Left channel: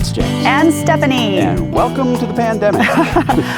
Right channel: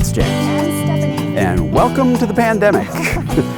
It's James. And Stephanie. And welcome to the pandemic.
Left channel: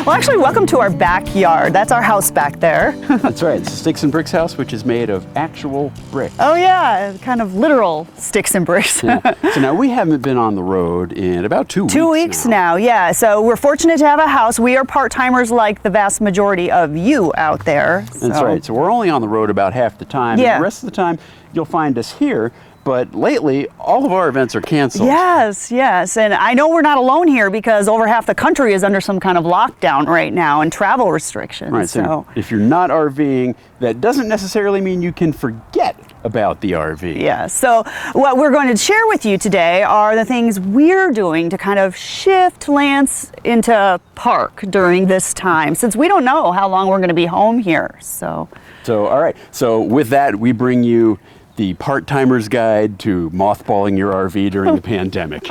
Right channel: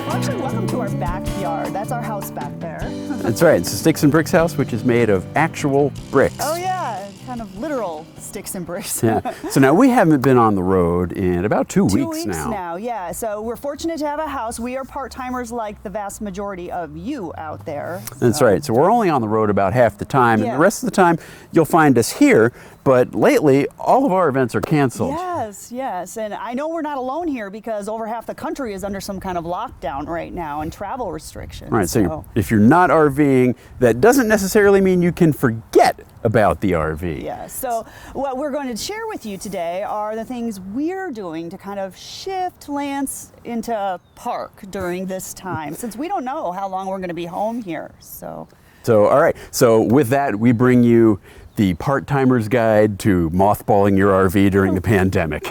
Well, actually, welcome to our backyard. That's our house back there. That's right. It's a Sticks and Bricks house, which is made of actual bricks. Oh, yeah. Kind of literal sticks and bricks. Yeah. So now we haven't been on the road in about 2 weeks. 2 weeks now, yeah. So we're fortunate to have a house. We are part-timers like the vast majority of you out there. That's right. So we're only on the road about half the time. Yeah. The rest of the time, you'll find us here. But lately, all of our events are canceled. Yes, yes. And I know we're not alone here because over half the country is under some kind of lockdown right now and travel restrictions. Right, so if you're not RVing, that doesn't necessarily mean you can forget about the RV. Yeah, so what we're going to share with you today are the things we're doing to kind of shift Lance into park during this time, since we don't know how long we're going to be home here. So all right. So with that, we bring you the part-timer's guide to mothballing your RV during the pandemic.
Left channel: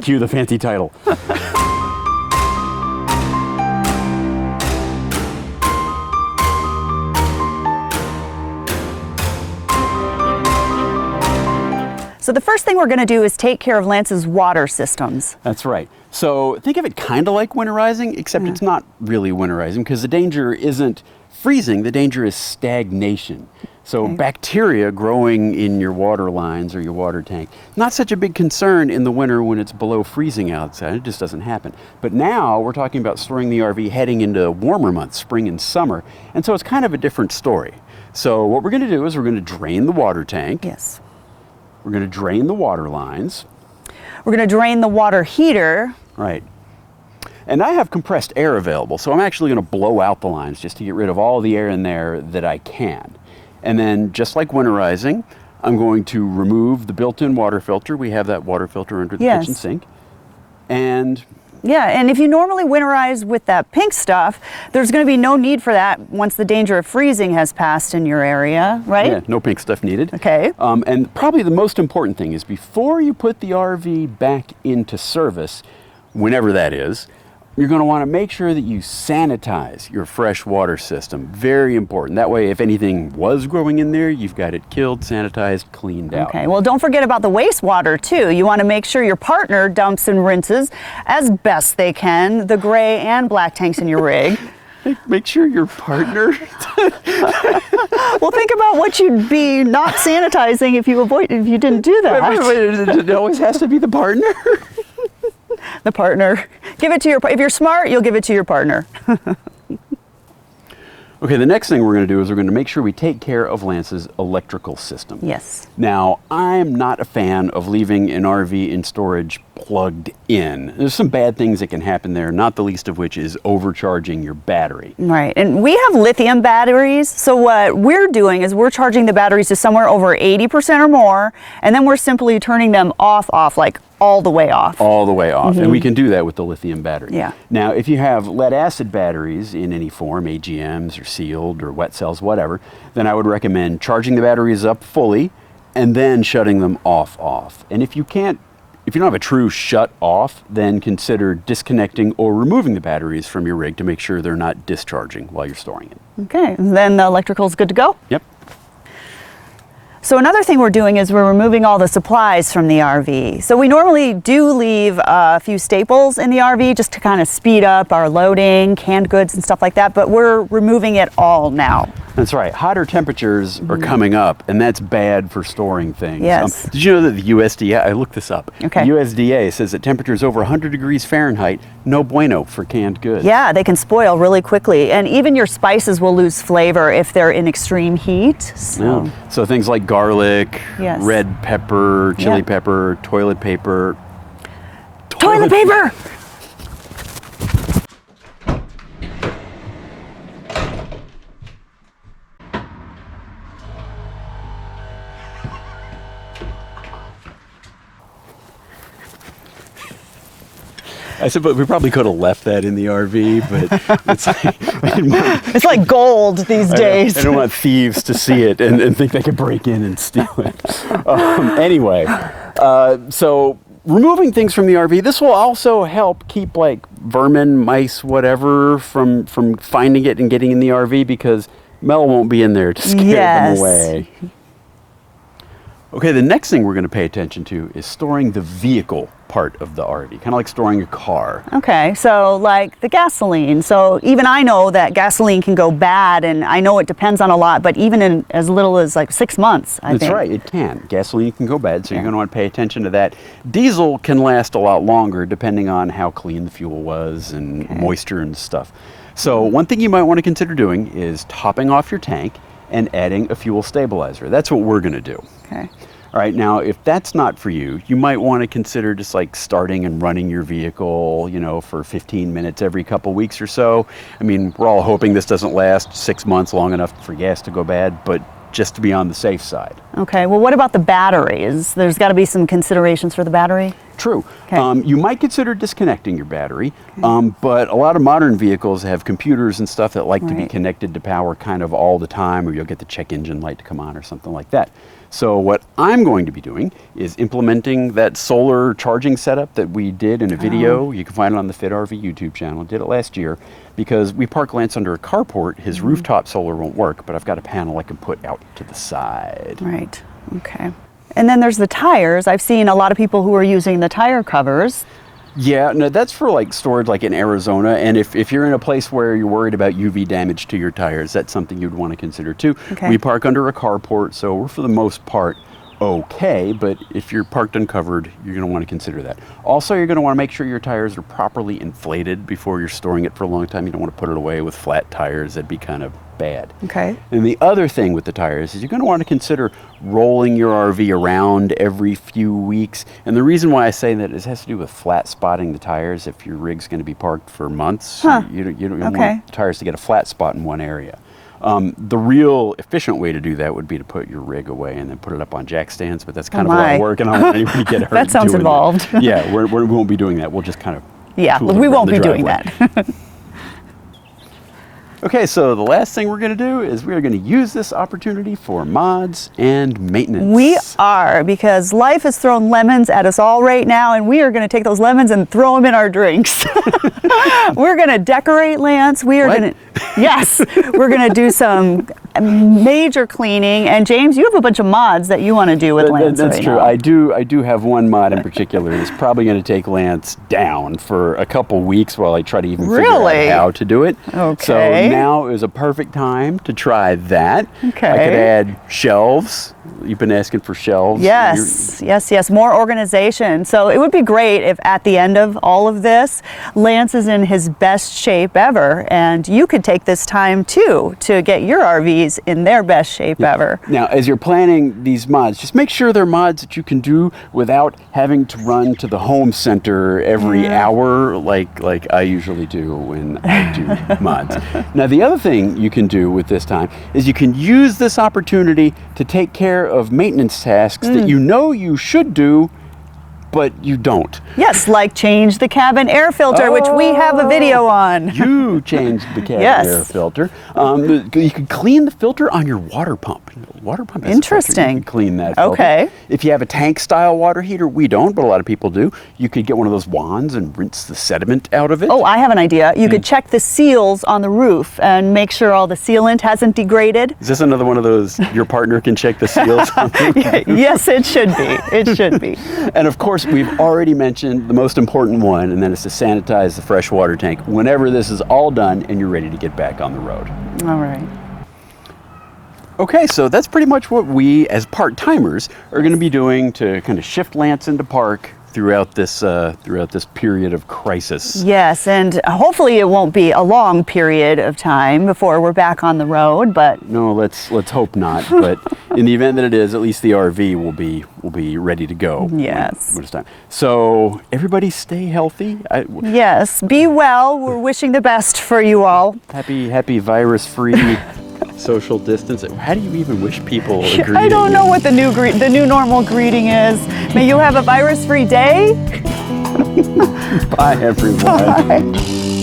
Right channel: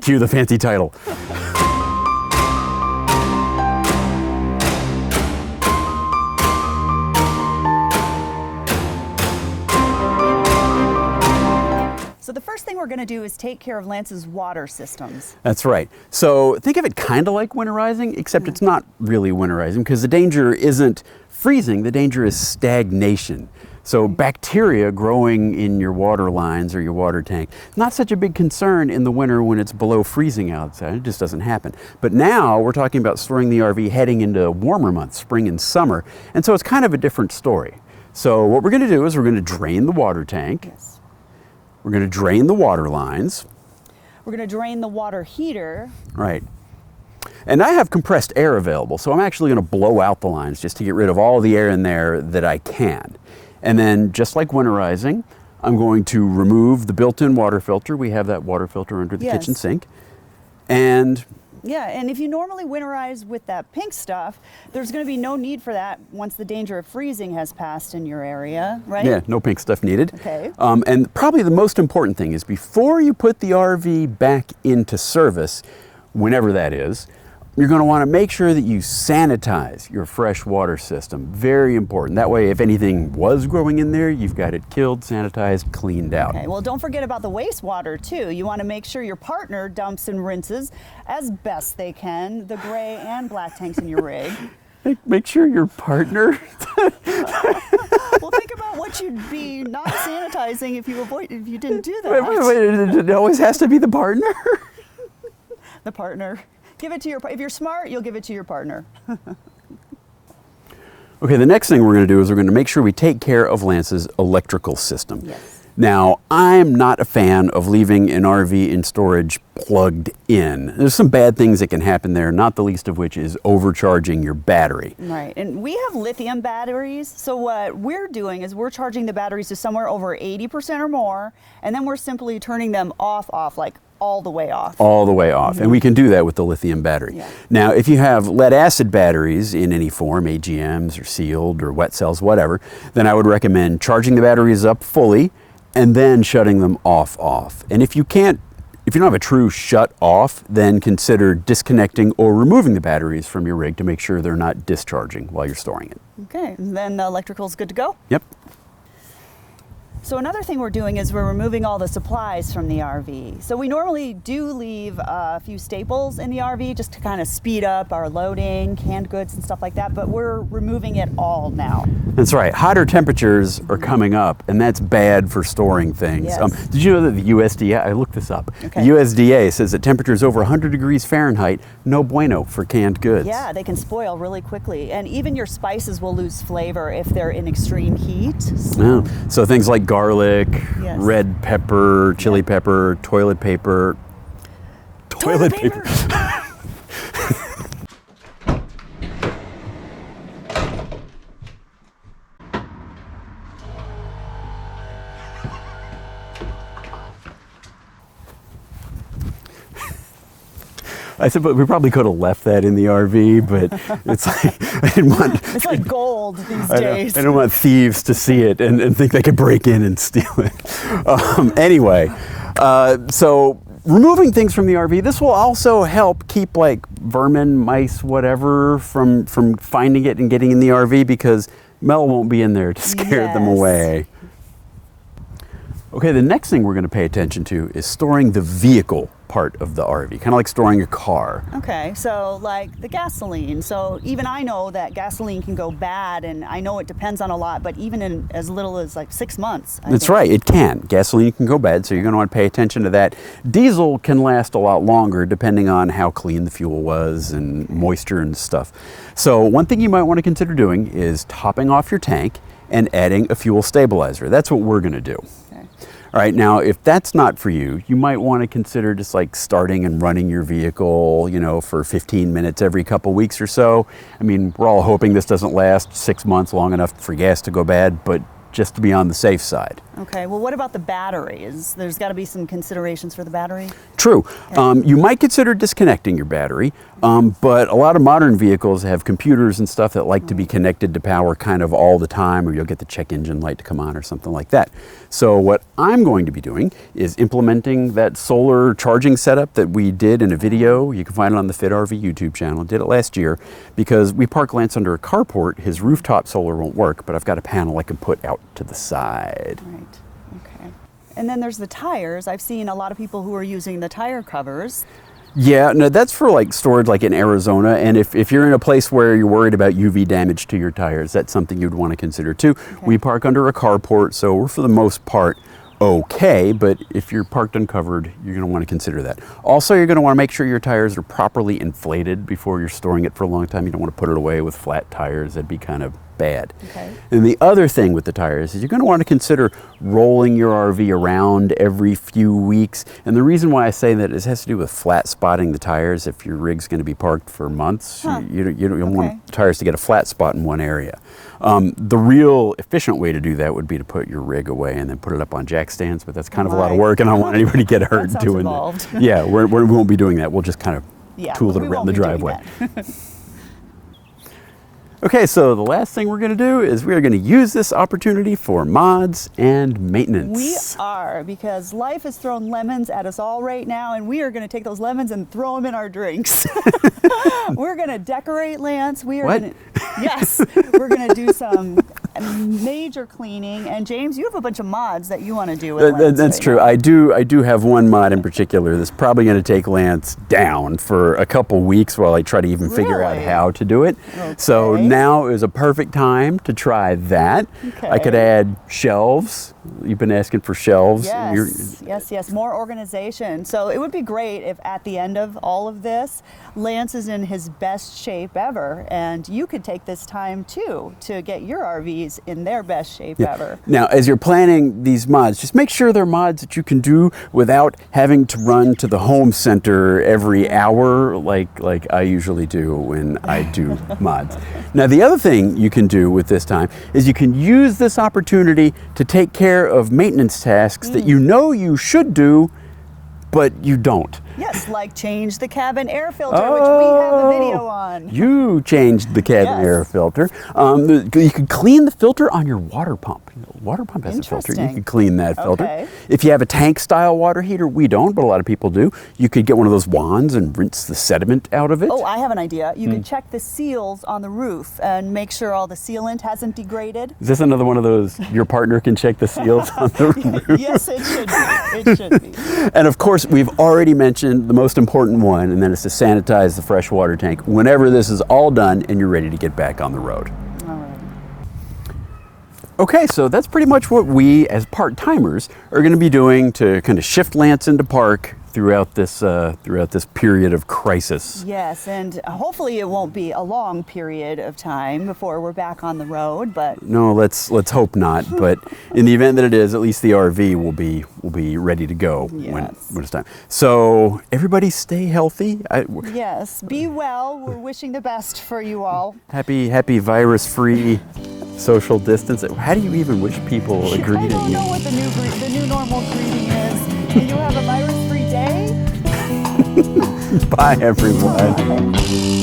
Cue the fancy title. So the first thing we're going to do is take care of Lance's water systems. That's right. So think of it kind of like winterizing, except it's not really winterizing because the danger isn't freezing, the danger is stagnation. So bacteria growing in your water lines or your water tank, not such a big concern in the winter when it's below freezing outside. It just doesn't happen. But now we're talking about storing the RV heading into warmer months, spring and summer. And so it's kind of a different story. So what we're going to do is we're going to drain the water tank. Yes. We're going to drain the water lines. We're going to drain the water heater. Right. And I have compressed air available, so I'm actually going to blow out the lines just to get rid of all the air in there that I can. And then, just like winterizing, I'm going to remove the built-in water filter. We have that water filter under the kitchen sink. And yeah, and if you normally winterize with that pink stuff, there's going to be no need for that once the danger of freezing has passed in your area, right? yeah, no pink stuff needed. Okay. And probably the most important thing is before you put the RV back into service, whenever that is, you're going to want to make sure that you sanitize your fresh water system. Very important. That way, if anything was growing in there, you've got it killed, sanitized, cleaned out. Okay, well, don't forget about the wastewater, too. You want to make sure your partner dumps and rinses as best they can the gray and black tanks in your rig. Make sure your partner... Well, think about what you'd be not sanitizing if you didn't do that. It always has to be the partner? The partner. Give it to your, if you're smart, you'll give it to your partner. Okay, the next thing we're going to do is we're going to make sure we take care of Lance's electrical system. Yes. Now, I'm not a fan of leaving an RV in storage plugged in. There's some bad things that can happen there, not the least of which is overcharging your battery. Right, and we have lithium batteries, so what we're doing is we're charging the batteries to somewhere over 80% or more, and then we're simply turning them off, like all the way off. All the way off, and we can do that with the lithium battery. Yeah. Now, if you have lead acid batteries in any form, AGMs or sealed or wet cells, whatever, then I would recommend charging the batteries up fully and then shutting them off. And if you don't have a true shut off, then consider disconnecting or removing the batteries from your rig to make sure they're not discharging while you're storing it. Okay, and then the electrical's good to go? Yep. So another thing we're doing is we're removing all the supplies from the RV. So we normally do leave a few staples in the RV just to kind of speed up our loading, canned goods and stuff like that, but we're removing it all now. That's right. Hotter temperatures are coming up, and that's bad for storing things. Yes. Did you know that the USDA, I looked this up, Okay. The USDA says that temperatures over 100 degrees Fahrenheit, no bueno for canned goods. Yeah, they can spoil really quickly, and even your spices will lose flavor if they're in extreme heat. So things like garlic, Yes. red pepper, chili Yeah. pepper, toilet paper. Toilet paper! I suppose we probably could have left that in the RV, but it's like, I didn't want, It's like gold these days. I don't want thieves to see it and think they could break in and steal it. Anyway, so removing things from the RV, this will also help keep like vermin, mice, whatever, from finding it and getting in the RV because Mel won't be in there to scare them away. Okay, the next thing we're going to pay attention to is storing the vehicle part of the RV, kind of like storing a car. Okay, so like the gasoline. So even I know that gasoline can go bad, and I know it depends on a lot, but even in as little as like 6 months, I think. That's right, it can. Gasoline can go bad, so you're going to want to pay attention to that. Diesel can last a lot longer depending on how clean the fuel was and moisture and stuff. So one thing you might want to consider doing is topping off your tank and adding a fuel stabilizer. That's what we're going to do. Okay. All right, now if that's not for you, you might want to consider just like starting and running your vehicle, you know, for 15 minutes every couple weeks or so. I mean, we're all hoping this doesn't last 6 months, long enough for gas to go bad, but just to be on the safe side. Okay, well, what about the batteries? There's got to be some considerations for the battery? True. Okay. You might consider disconnecting your battery, but a lot of modern vehicles have computers and stuff that like to be connected to power kind of all the time, or you'll get the check engine light to come on or something like that. So what I'm going to be doing is implementing that solar charging setup that we did in a video. You can find it on the Fit RV YouTube channel. I did it last year because we park Lance under a carport. His rooftop solar won't work, but I've got a panel I can put out to the side. Right, okay. And then there's the tires. I've seen a lot of people who are using the tire covers. Yeah, no, that's for like storage like in Arizona, and if you're in a place where you're worried about UV damage to your tires, that's something you'd want to consider too. Okay. We park under a carport, so we're for the most part okay, but if you're parked uncovered, you're going to want to consider that. Also, you're going to want to make sure your tires are properly inflated before you're storing it for a long time. You don't want to put it away with flat tires. That'd be kind of bad. Okay. And the other thing with the tires is you're going to want to consider rolling your RV around every few weeks. And the reason why I say that is it has to do with flat spotting the tires. If your rig's going to be parked for months, you don't want the tires to get a flat spot in one area. The real efficient way to do that would be to put your rig away and then put it up on jack stands, but that's kind of a lot of work, and I don't want anybody to get hurt. That sounds involved. Yeah, we won't be doing that. We'll just kind of we won't be doing that. Okay, so the last thing we're going to do is we're going to use this opportunity for mods and maintenance. We are, because life has thrown lemons at us all right now, and we are going to take those lemons and throw them in our drinks. We're going to decorate, Lance. We are going to, yes, we're going to do some major cleaning. And James, you have a bunch of mods that you want to do with Lance. That's true. I do have one mod in particular that's probably going to take Lance down for a couple weeks while I try to even figure out how to do it. Okay. So now is a perfect time to try that. Okay. I could add shelves. You've been asking for shelves. Yes. More organization. So it would be great if at the end of all of this, Lance is in his best shape ever, and you could take this time too to get your RVs in their best shape ever. Now, as you're planning these mods, just make sure they're mods that you can do without having to run to the home center every hour like I usually do when I do mods. Now, the other thing you can do with this time is you can use this opportunity to take care of maintenance tasks that you know you should do, but you don't. Yes, like change the cabin air filter, which we have a video on. You changed the cabin air filter. You can clean the filter on your water pump. Water pump has Interesting. A filter. You can clean that filter. Okay. If you have a tank style water heater, we don't, but a lot of people do. You could get one of those wands and rinse the sediment out of it. Oh, I have an idea. You could check the seals on the roof and make sure all the sealant hasn't degraded. Is this another one of those your partner can check the seals on the roof? Yes, it should be. It should be. And of course, we've already mentioned the most important one, and that is to sanitize the freshwater tank whenever this is all done and you're ready to get back on the road. All right. Okay, so that's pretty much what we, as part-timers, are going to be doing to kind of shift Lance into park throughout this period of crisis. Yes, and hopefully it won't be a long period of time before we're back on the road. But no, let's hope not. But in the event that it is, at least the RV will be ready to go. Yes. When it's time. So everybody, stay healthy. Yes, be well. We're wishing the best for you all. Happy virus-free. Social distance. How do you even wish people a greeting? I don't know what the new normal greeting is. May you have a virus-free day. Bye, everyone. Bye.